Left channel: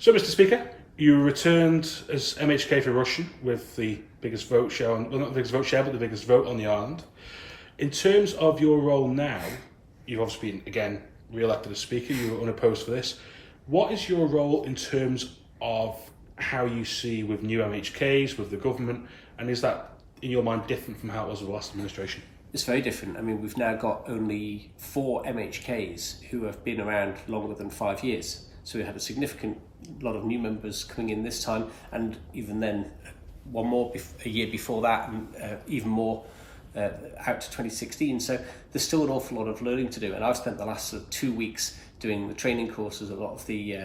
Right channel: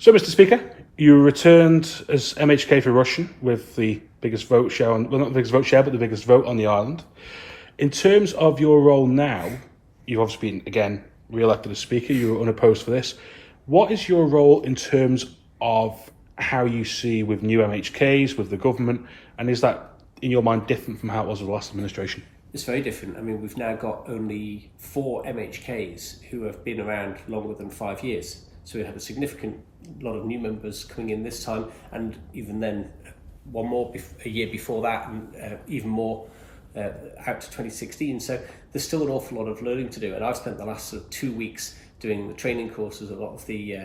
So, Mr. Speaker, you returned as MHK for Russia with the biggest vote share, well, not the biggest vote share, but the biggest vote on the island. In terms of your role now, you've obviously been, again, re-elected as Speaker, you were unopposed for this. What is your role in terms of how you see with new MHKs, with the government, and is that, in your mind, different from how it was with the last administration? It's very different. I mean, we've now got only 4 MHKs who have been around longer than 5 years. So we had a significant lot of new members coming in this time, and even then one more a year before that, and even more out to 2016. So there's still an awful lot of learning to do, and I've spent the last 2 weeks doing the training courses, a lot of the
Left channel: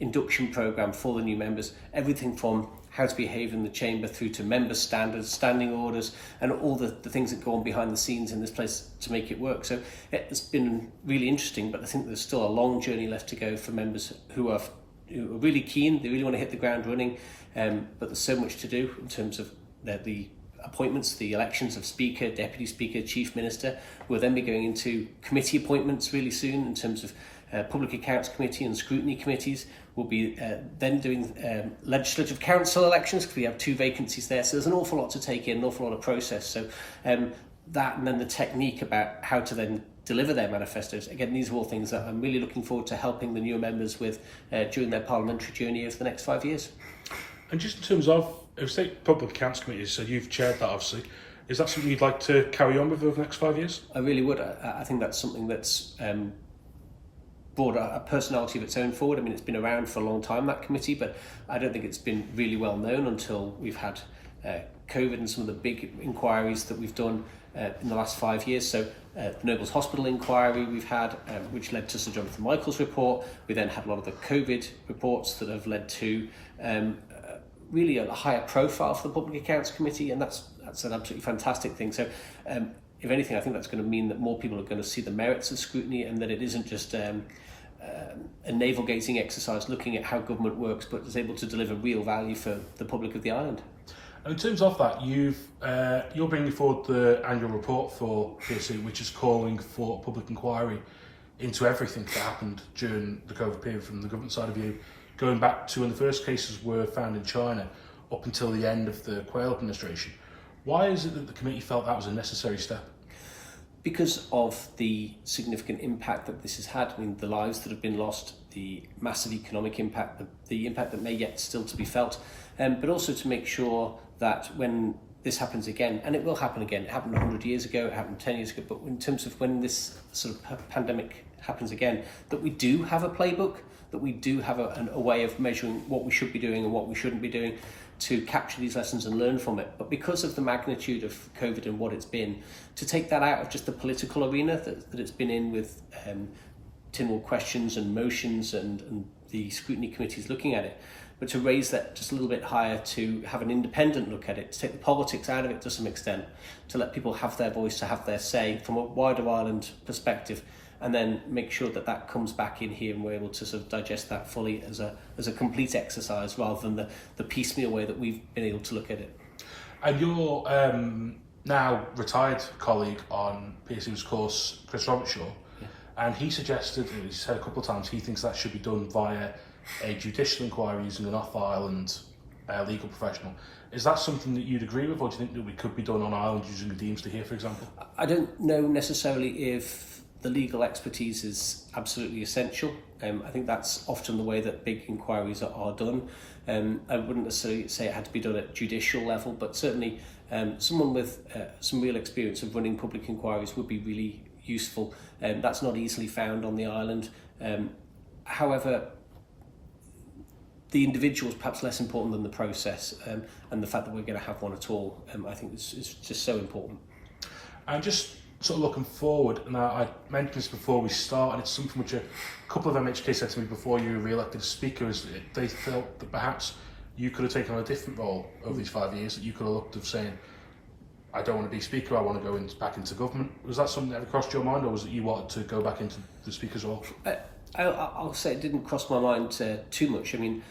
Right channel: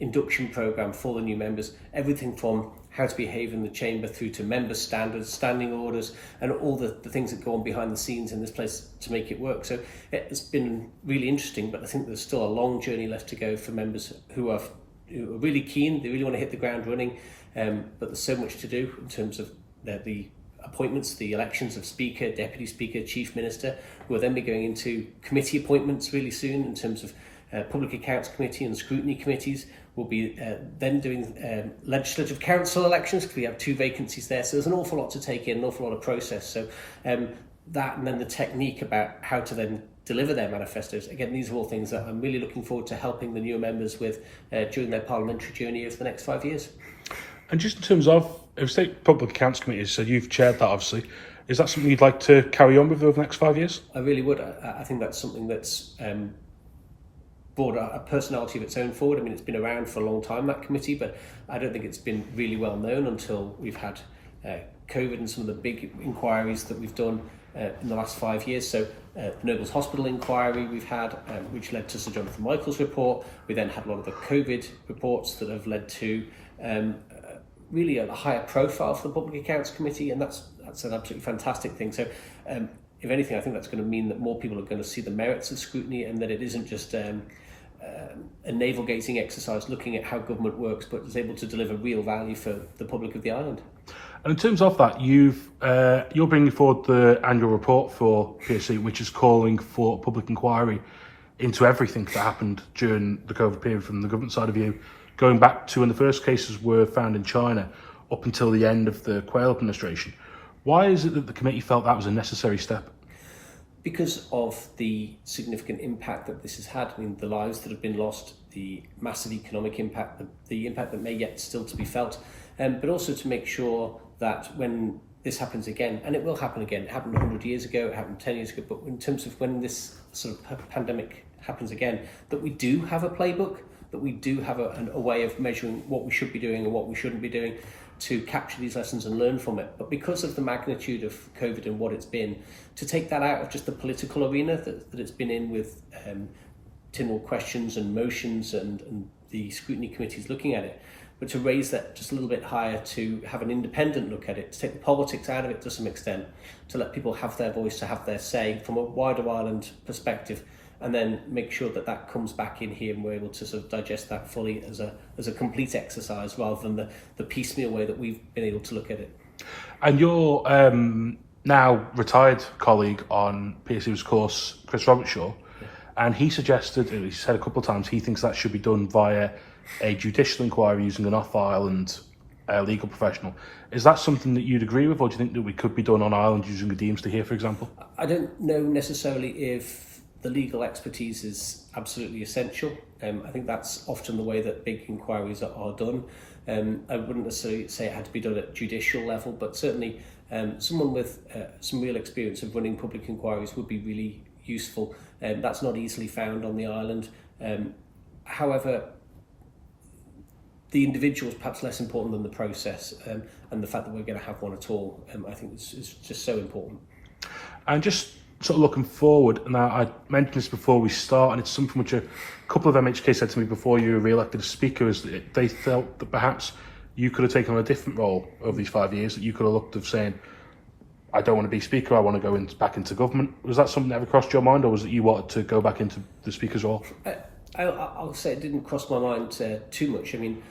induction program for the new members, everything from how to behave in the chamber through to member standards, standing orders, and all the things that go on behind the scenes in this place to make it work. So it's been really interesting, but I think there's still a long journey left to go for members who are really keen. They really want to hit the ground running, but there's so much to do in terms of the appointments, the elections of Speaker, Deputy Speaker, Chief Minister. We'll then be going into committee appointments really soon in terms of Public Accounts Committee and Scrutiny Committees. We'll be then doing Legislative Council elections, because we have 2 vacancies there. So there's an awful lot to take in, an awful lot of process. So that, and then the technique about how to then deliver their manifestos. Again, these are all things that I'm really looking forward to helping the newer members with during their parliamentary journey over the next 5 years. And just in terms of, State Public Accounts Committee, so you've chaired that obviously. Is that something you'd like to carry on with over the next 5 years? I really would. I think that's something that's brought a personality of its own forward. I mean, it's been around for a long time, that committee, but I don't think it's been really well known until we've had COVID and some of the big inquiries that we've done in the last 5 years. So the Nobles Hospital inquiry we've had, which led to Sir Jonathan Michael's report. We then had a lot of the COVID reports that have led to really a higher profile for the Public Accounts Committee, and that's an absolutely fantastic thing. So if anything, I think that's going to mean that more people are going to see the merits of scrutiny, and that it isn't just a navel-gazing exercise looking at how government works, but is able to deliver real value for the public of the island. And in terms of that, you're bringing forward the annual report for PSC, which is calling for public inquiry into everything that happened during the COVID period from the government side of view, going back to when the first cases were found in China up until the end of the Quayle administration. Why is it that the committee felt that was a necessary step? Because of the significant impact that this has had. I mean, the lives that have been lost, the massive economic impact, the impact that may yet still to be felt, but also to make sure that when this happens again, and it will happen again, it happened 100 years ago, it happened 10 years ago, but in terms of when this sort of pandemic happens again, that we do have a playbook, that we do have a way of measuring what we should be doing and what we shouldn't be doing, to capture these lessons and learn from it. But because of the magnitude of COVID and what it's been, to take that out of just the political arena that it's been in with Tynwald questions and motions and the scrutiny committees looking at it, but to raise that just a little bit higher, to have an independent look at it, to take the politics out of it to some extent, to let people have their voice, to have their say from a wider island perspective, and then make sure that that comes back in here and we're able to sort of digest that fully as a complete exercise, rather than the piecemeal way that we've been able to look at it. And your now retired colleague on PSU's course, Chris Robertshaw, and he suggested, he said a couple of times, he thinks that should be done via a judicial inquiry using an off-island legal professional. Is that something that you'd agree with, or do you think that we could be done on Ireland using a Deemster here, for example? I don't know necessarily if the legal expertise is absolutely essential. I think that's often the way that big inquiries are done. I wouldn't necessarily say it had to be done at judicial level, but certainly someone with some real experience of running public inquiries would be really useful. That's not easily found on the island. However, the individual is perhaps less important than the process, and the fact that we're going to have one at all, I think is just so important. And just sort of looking forward, now I mentioned this before we start, and it's something which a couple of MHK said to me before you were re-elected as Speaker, is that they felt that perhaps you could have taken on a different role over these 5 years, that you could have looked of saying, I don't want to be Speaker, I want to go back into government. Was that something that ever crossed your mind, or was it you wanted to go back into the Speaker's role? I'll say it didn't cross my mind too much. I mean,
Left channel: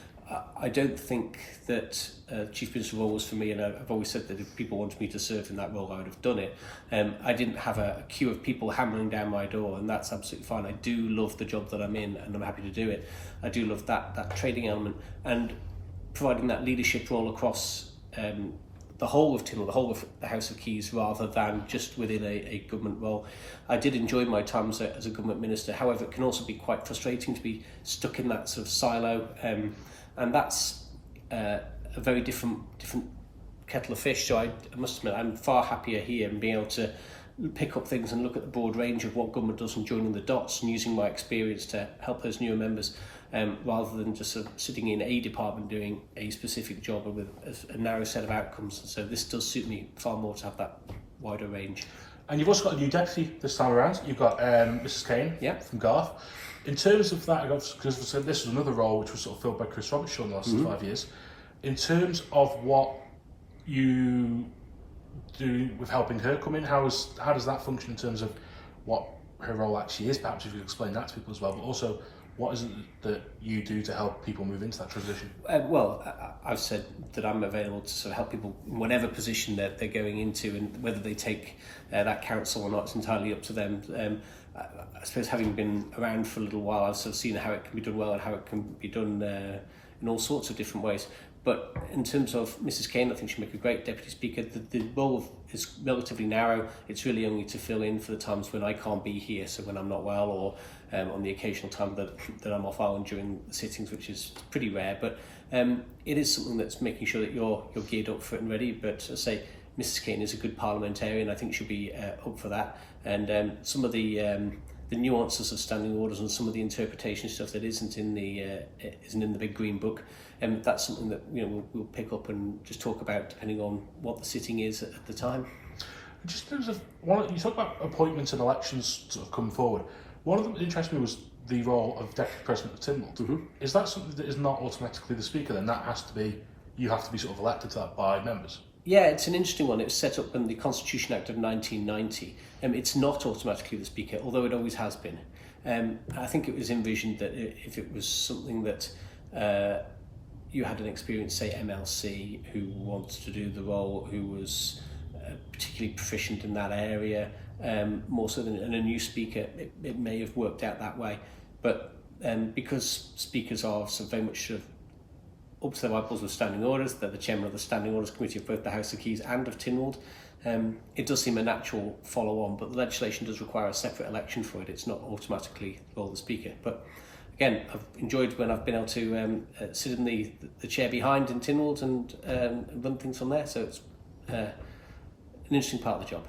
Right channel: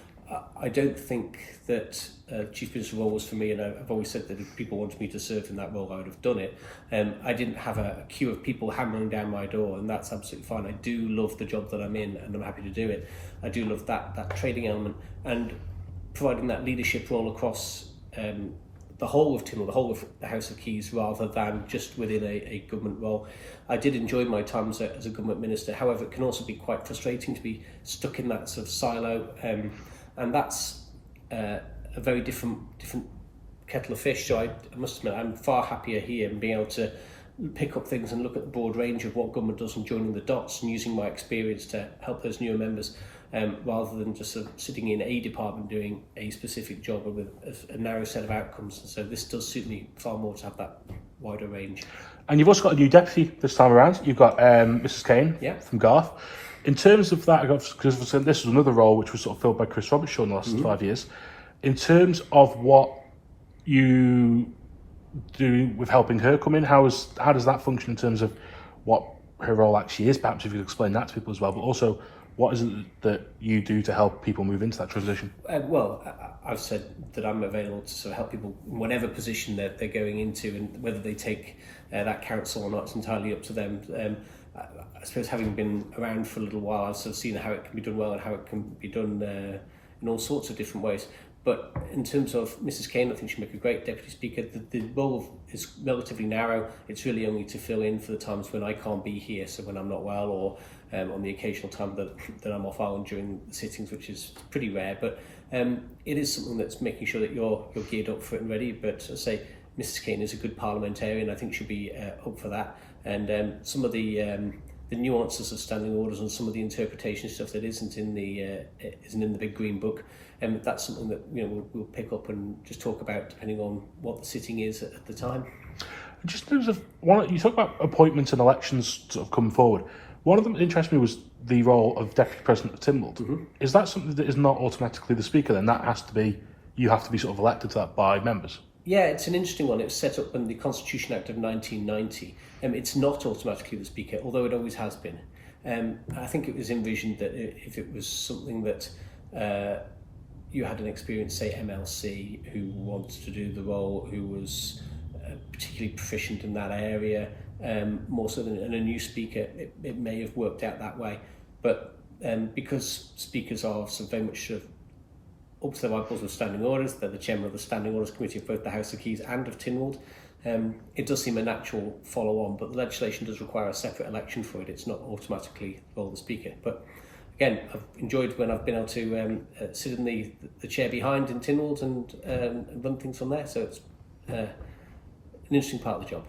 I don't think that Chief Minister role was for me, and I've always said that if people wanted me to serve in that role, I would have done it. I didn't have a queue of people hammering down my door, and that's absolutely fine. I do love the job that I'm in, and I'm happy to do it. I do love that trading element, and providing that leadership role across the whole of Tynwald, the whole of the House of Keys, rather than just within a government role. I did enjoy my time as a government minister. However, it can also be quite frustrating to be stuck in that sort of silo, and that's a very different kettle of fish. So I must admit, I'm far happier here and being able to pick up things and look at the broad range of what government does and joining the dots and using my experience to help those newer members, rather than just sort of sitting in a department doing a specific job with a narrow set of outcomes. And so this does suit me far more to have that wider range. And you've also got a new deputy this time around. You've got Mrs. Kane from Garth. In terms of that, because this was another role which was sort of filled by Chris Robertshaw in the last 5 years. In terms of what you do with helping her come in, how does that function in terms of what her role actually is? Perhaps if you could explain that to people as well, but also what is it that you do to help people move into that transition? I've said that I'm available to sort of help people in whatever position they're going into, and whether they take that council or not, it's entirely up to them. I suppose having been around for a little while, I've sort of seen how it can be done well and how it can be done in all sorts of different ways. But in terms of Mrs. Kane, I think she'll make a great Deputy Speaker. The role is relatively narrow. It's really only to fill in for the times when I can't be here, so when I'm not well, or on the occasional time that I'm off island during the sittings, which is pretty rare. But it is something that's making sure that you're geared up for it and ready. But as I say, Mrs. Kane is a good parliamentarian. I think she'll be up for that. And some of the nuances of standing orders and some of the interpretation stuff that isn't in the big green book, that's something that we'll pick up and just talk about depending on what the sitting is at the time. Just in terms of you talk about appointments and elections sort of coming forward. One of them that interested me was the role of Deputy President of Tynwald. Mm-hmm. Is that something that is not automatically the Speaker? Then that has to be, you have to be sort of elected to that by members. Yeah, it's an interesting one. It was set up in the Constitution Act of 1990. It's not automatically the Speaker, although it always has been. I think it was envisioned that if it was something that you had an experienced, say, MLC who wanted to do the role, who was particularly proficient in that area, more so than a new Speaker, it may have worked out that way. But because Speakers are so very much sort of up to their eyeballs with standing orders, they're the chairman of the Standing Orders Committee of both the House of Keys and of Tynwald. It does seem a natural follow-on, but the legislation does require a separate election for it. It's not automatically role of the Speaker. But again, I've enjoyed when I've been able to sit in the chair behind in Tynwald and run things from there. So it's an interesting part of the job.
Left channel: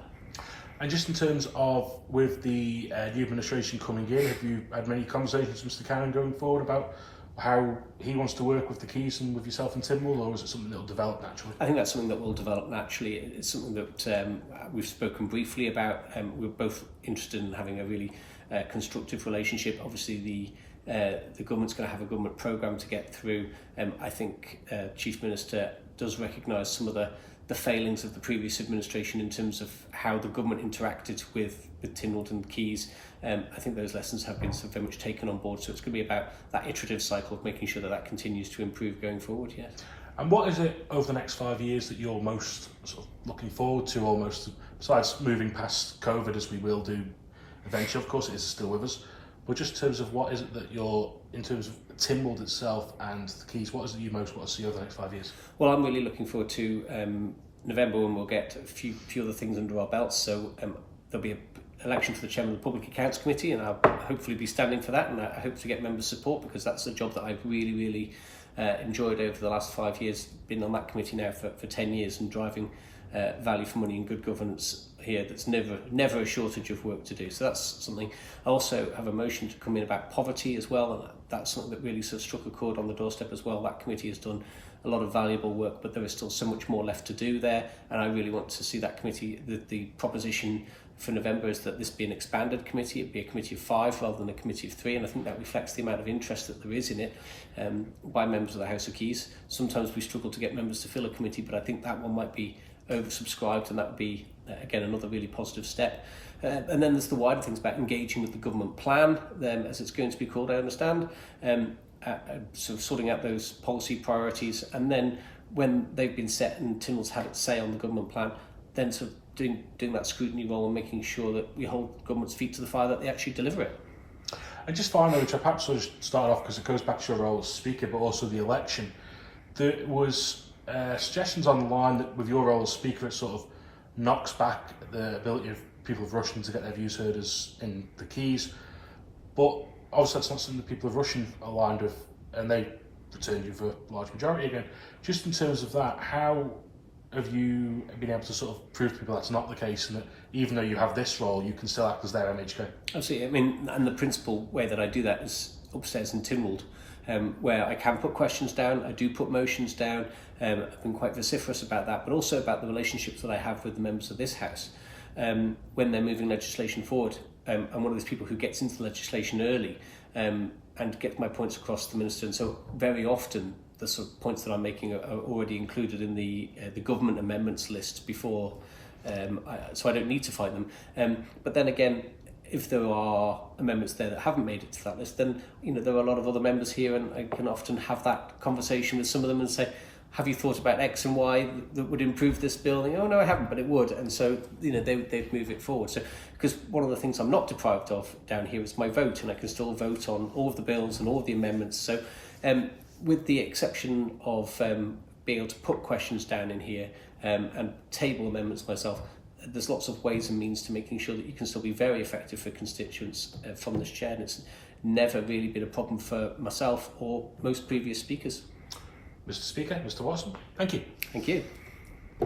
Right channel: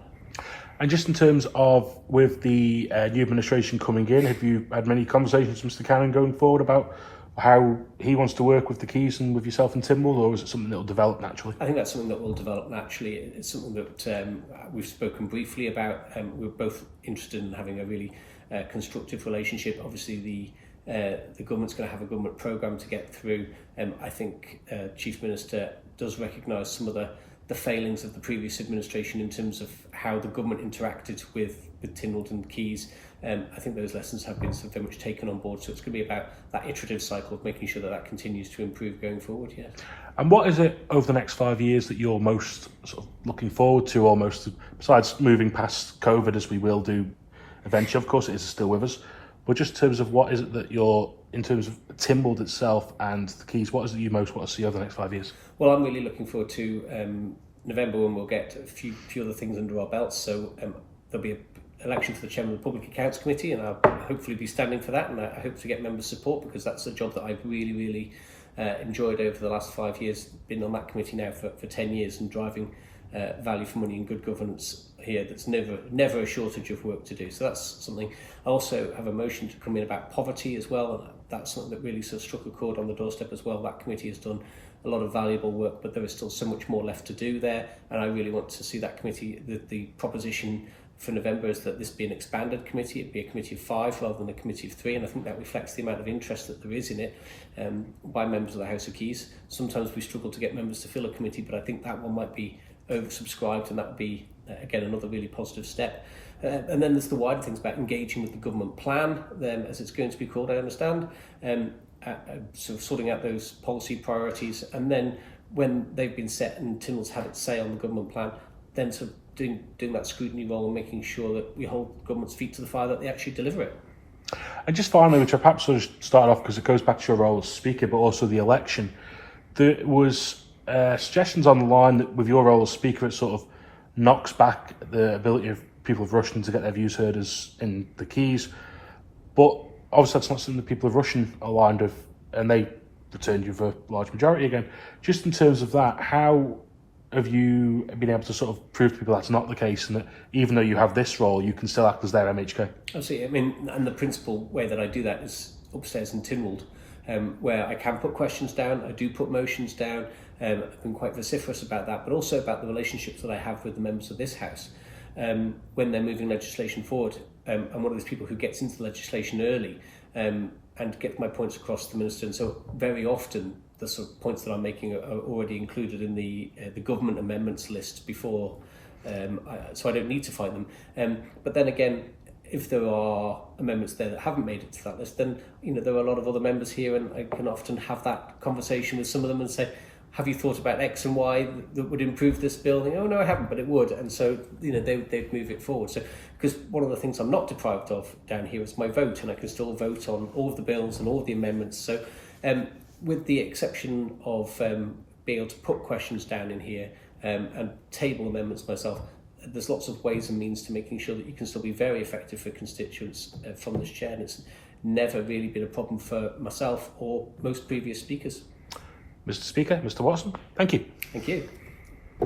And just in terms of with the new administration coming in, have you had many conversations with Mr. Cannon going forward about how he wants to work with the Keys and with yourself and Tynwald, or is it something that will develop naturally? I think that's something that will develop naturally. It's something that we've spoken briefly about. We're both interested in having a really constructive relationship. Obviously, the government's going to have a government programme to get through. I think Chief Minister does recognise some of the failings of the previous administration in terms of how the government interacted with Tynwald and Keys. I think those lessons have been very much taken on board, so it's going to be about that iterative cycle of making sure that continues to improve going forward. Yeah. And what is it over the next 5 years that you're most sort of looking forward to, almost, besides moving past COVID, as we will do eventually? Of course, it is still with us, but just in terms of what is it that you're, in terms of Tynwald itself and the Keys, what is it you most want to see over the next 5 years? Well, I'm really looking forward to November, when we'll get a few other things under our belts. So there'll be an election for the chairman of the Public Accounts Committee, and I'll hopefully be standing for that, and I hope to get members' support, because that's a job that I've really enjoyed over the last 5 years. Been on that committee now for 10 years and driving value for money and good governance here. That's never a shortage of work to do. So that's something. I also have a motion to come in about poverty as well, and that's something that really sort of struck a chord on the doorstep as well. That committee has done a lot of valuable work, but there is still so much more left to do there, and I really want to see that committee. The proposition for November is that this be an expanded committee. It'd be a committee of 5 rather than a committee of 3, and I think that reflects the amount of interest that there is in it by members of the House of Keys. Sometimes we struggle to get members to fill a committee, but I think that one might be oversubscribed, and that would be again another really positive step. And then there's the wider things about engaging with the government plan, as it's going to be called, I understand. sort of sorting out those policy priorities, and then when they've been set and Tynwald's had its say on the government plan, then sort of doing that scrutiny role and making sure that we hold government's feet to the fire, that they actually deliver it. And just finally, which I perhaps sort of start off because it goes back to your role as Speaker, but also the election, there was suggestions on the line that with your role as Speaker, it sort of knocks back the ability of people of Rushden to get their views heard as in the Keys. But obviously that's not something the people of Rushden are aligned with, and they returned you for a large majority again. Just in terms of that, how have you been able to sort of prove to people that's not the case, and that even though you have this role, you can still act as their MHK? Absolutely. I mean, and the principal way that I do that is upstairs in Tynwald, where I can put questions down, I do put motions down. I've been quite vociferous about that, but also about the relationships that I have with the members of this House when they're moving legislation forward. I'm one of those people who gets into the legislation early and gets my points across to the Minister, and so very often the sort of points that I'm making are already included in the government amendments list before, so I don't need to find them. But then again, if there are amendments there that haven't made it to that list, then there are a lot of other members here, and I can often have that conversation with some of them and say, have you thought about X and Y that would improve this bill? And, oh no, I haven't, but it would. And so they'd move it forward. So because one of the things I'm not deprived of down here is my vote, and I can still vote on all of the bills and all of the amendments. So with the exception of being able to put questions down in here and table amendments myself, there's lots of ways and means to making sure that you can still be very effective for constituents from this chair, and it's never really been a problem for myself or most previous speakers. Mr. Speaker, Mr. Watterson, thank you. Thank you.